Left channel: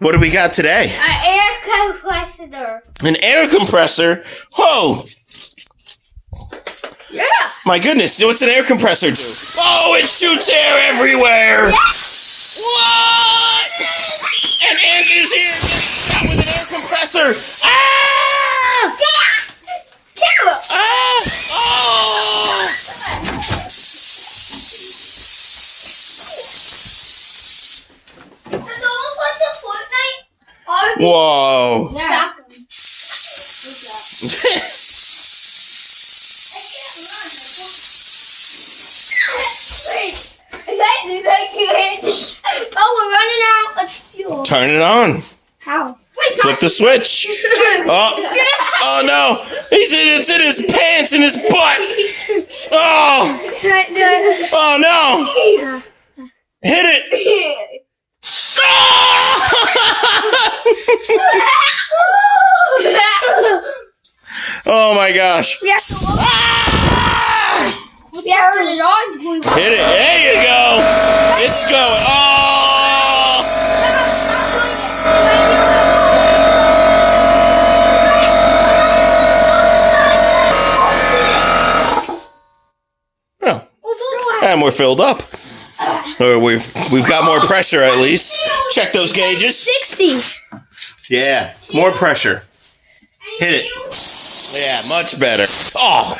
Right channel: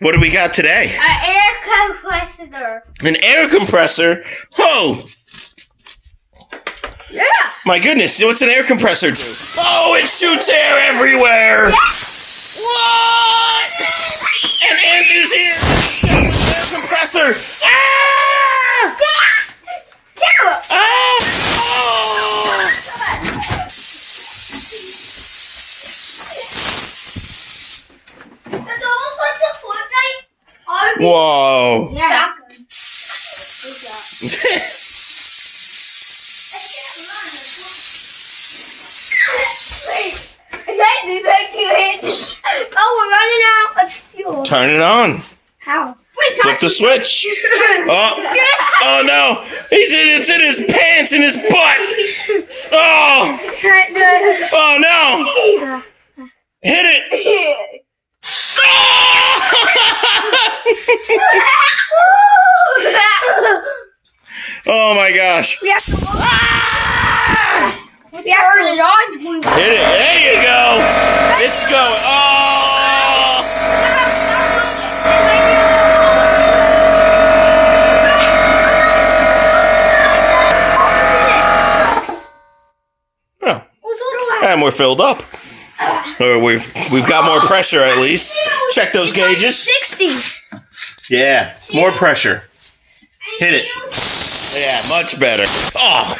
What do we got today? An air compressor. An air compressor? Oh! Yeah. My goodness, what's an air compressor do? Oh, it shoots air everywhere! Yes. What? And Andrew's here with an air compressor! Ah! Ah! Oh! It's almost like the Fortnite. Whoa! Yeah. Shotgun. Oh, we're running out of fuel. Turn it on. How? Wait, Flip the switch. Oh, oh no! It's in his pants, in his butt. Oh! Oh no! Hit it! Oh my gosh! We have to turn it on. Hit it! There you go! It's going. Oh! And we're filled up. Or we've got more pressure at least. Check those gauges. 60. Yeah, more pressure. Hit it. Yeah, much better. Oh.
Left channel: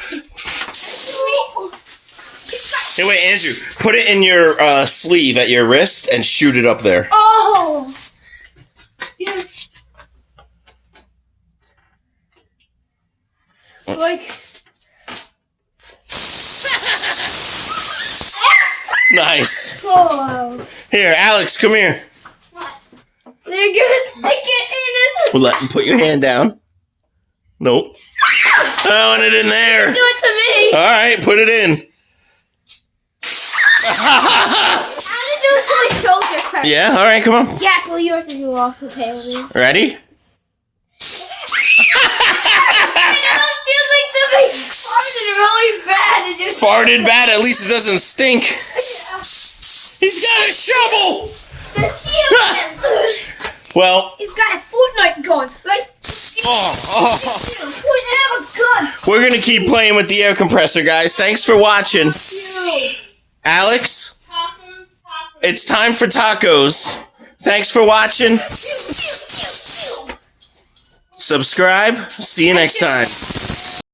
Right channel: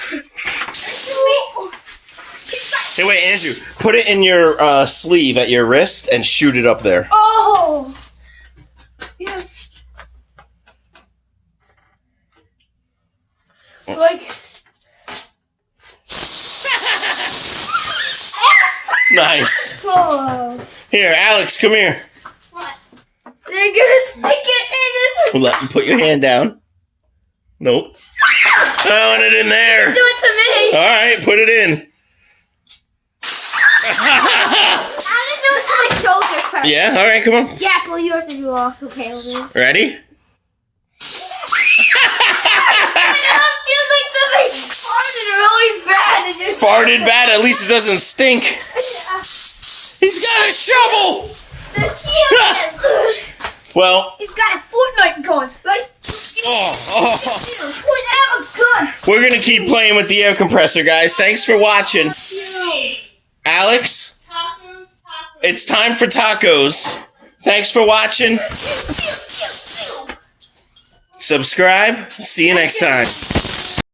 Hey, wait, Andrew. Put it in your sleeve at your wrist and shoot it up there. Oh. Yes. Like. Nice. Oh. Here, Alex, come here. What? They're gonna stick it in it. We'll let you put your hand down. Nope. I want it in there. Do it to me. All right, put it in. I want to do it to my shoulder first. Yeah, all right, come on. Yeah, well, you have to do also, okay, with me. Ready? It feels like somebody farted really bad. And just Farted bad, at least it doesn't stink. He's got a shovel! The human. Well, He's got a Fortnite gun, right? Have a gun. We're going to keep playing with the air compressor, guys. Thanks for watching. Alex, it's time for tacos. Thanks for watching. Subscribe. See you next time.